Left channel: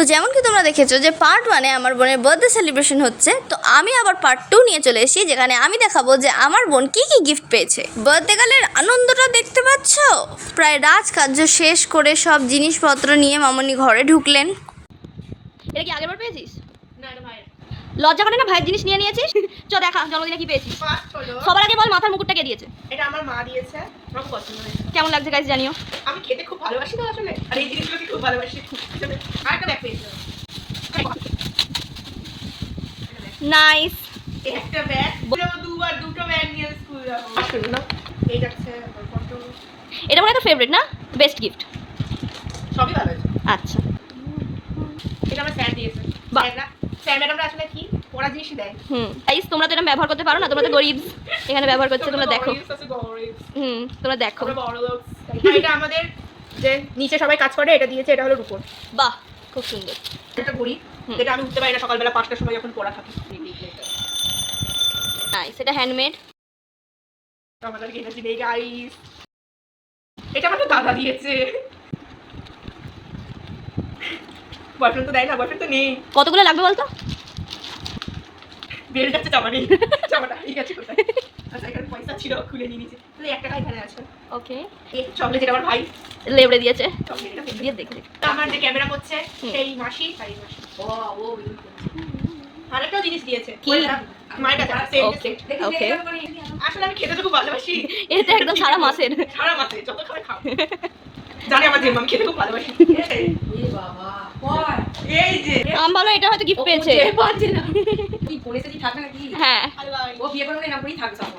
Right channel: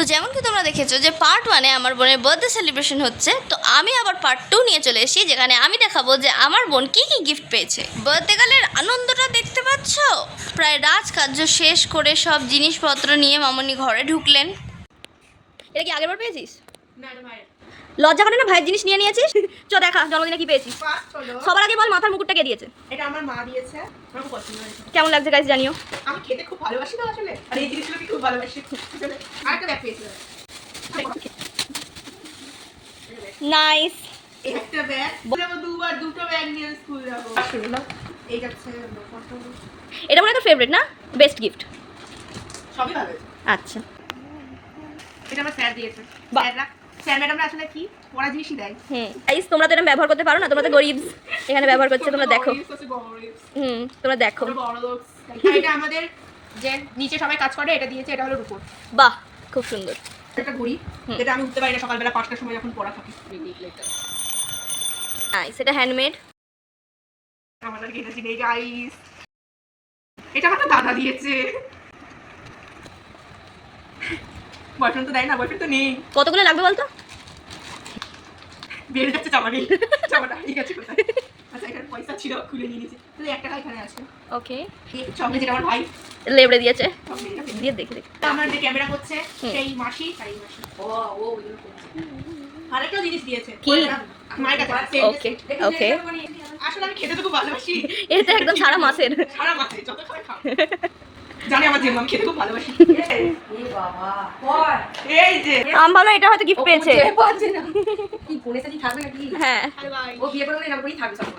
তো যেমন কি তোমরা দেখেছো যে পার্ট 1-এ আমার বোনের বার্থডে সেলিব্রেশন হচ্ছে, তো আমি আবার পার্ট 2 নিয়ে চলে এসেছি, যেখানে আমি দেখাবো যে আমার বোন কী কী গিফট পেয়েছে। বার্থডে গালের আনন্দটা দেখতে পাচ্ছ। প্রায় রাজকার্য শেষ করে সব জিনিসপত্র নিয়ে মামনি ঘরে ঢুকলেন। এটা কি আগেরবার পেয়েছিস? লজ্জা করে না? ভাইয়ের জিনিস নিয়ে নিয়েছিস। চ দেখা জন্মদিনে কি পেয়েছিস। সবার আগে বল মাথার মুকুটটা কে দিয়েছে? এটা আমার মা দিয়েছে, আমার খুব পছন্দ হয়েছে। কেমন লাগছে গাইস জানিও। আমি খেতে খুব ভালোবাসি তো আসলে, আর এই জিনিসগুলো খুব ভালোবাসি। আর একটা ব্যাগ পেয়েছি। নাইস। একটা ব্যাগ, দুটো ব্যাগ নিয়ে স্কুল যাব। আসলে না, এই যাচ্ছে আমার ফটো। এটা মনে হয় তোর ফেভারিট না? Best gift. সবই ভালো হয়েছে। আচ্ছা, এটা আমার স্যার দিয়েছে। বাহ। স্যার ম্যাডামরা আসলে কি পড়া জিনিসই দেয়। গাইস তোমরা তো এটা ব্যবহার করতে পারো না, তোমরা তো গরিব, এখানে ব্যবহার করছে, তোমরা দেখো। তোমরা দেখো। এটা আমাদের যে নিচে সবাই কাজ করে, এটা দিয়েছে, এটা হলো রূপোর। বাহ, খুব সুন্দর। একটা ঘড়ি, যেটা আমি উঠতে পারি না সকালবেলা 5টার সময় যখন পড়া থাকে। নাইস, এটা হ্যান্ডমেড। আমাদের কিনেছি এই গাইস। এটা আমার দাদা দিয়েছে। বয়ফ্রেন্ড তো দেয় না, বয়ফ্রেন্ড তো নেই। কতগুলো লাগবে বলতো? বেল যাচ্ছে চামানি। চামাটা ঠিক আছে কোথায়? আচ্ছা, এখানে পয়সা ছিল, খুলে নিয়ে নিয়েছে। তাহলে 1 টাকা এখানে আছে। ওকে। এই চকলেট যেটা আমার ভাই লেবড়ে দিয়েছে। চকলেটটা দিয়ে দেখে দেখে। আমার যে ক্যামেরা করছে সেই মাসি, তাই মাসি। ও ইউজ করছে। আরেকটা জিনিস দিয়েছে। কি? মায়ের কাছে। ওকে ওকে। আসলে আমি খেতে তো খুব ভালোবাসি। এটা একদম সারা মাসের। সারা মাসে যত খাবে খাও। জানি আমার জিম, আমি খেতে খুব ভালোবাসি। এই বাবা কই এই যে আমি ভাবলাম এটা হয়তো গিফট পেয়েছে। কি ফোনে সাথে থাকবে নাকি? হ্যাঁ, ও বিয়ে করে না করেই থাকবে সব।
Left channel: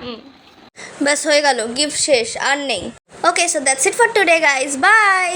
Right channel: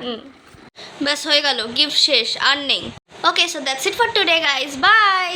ব্যাস হয়ে গেল, গিফট শেষ, আর নেই। Okay, so that's it for today guys, by.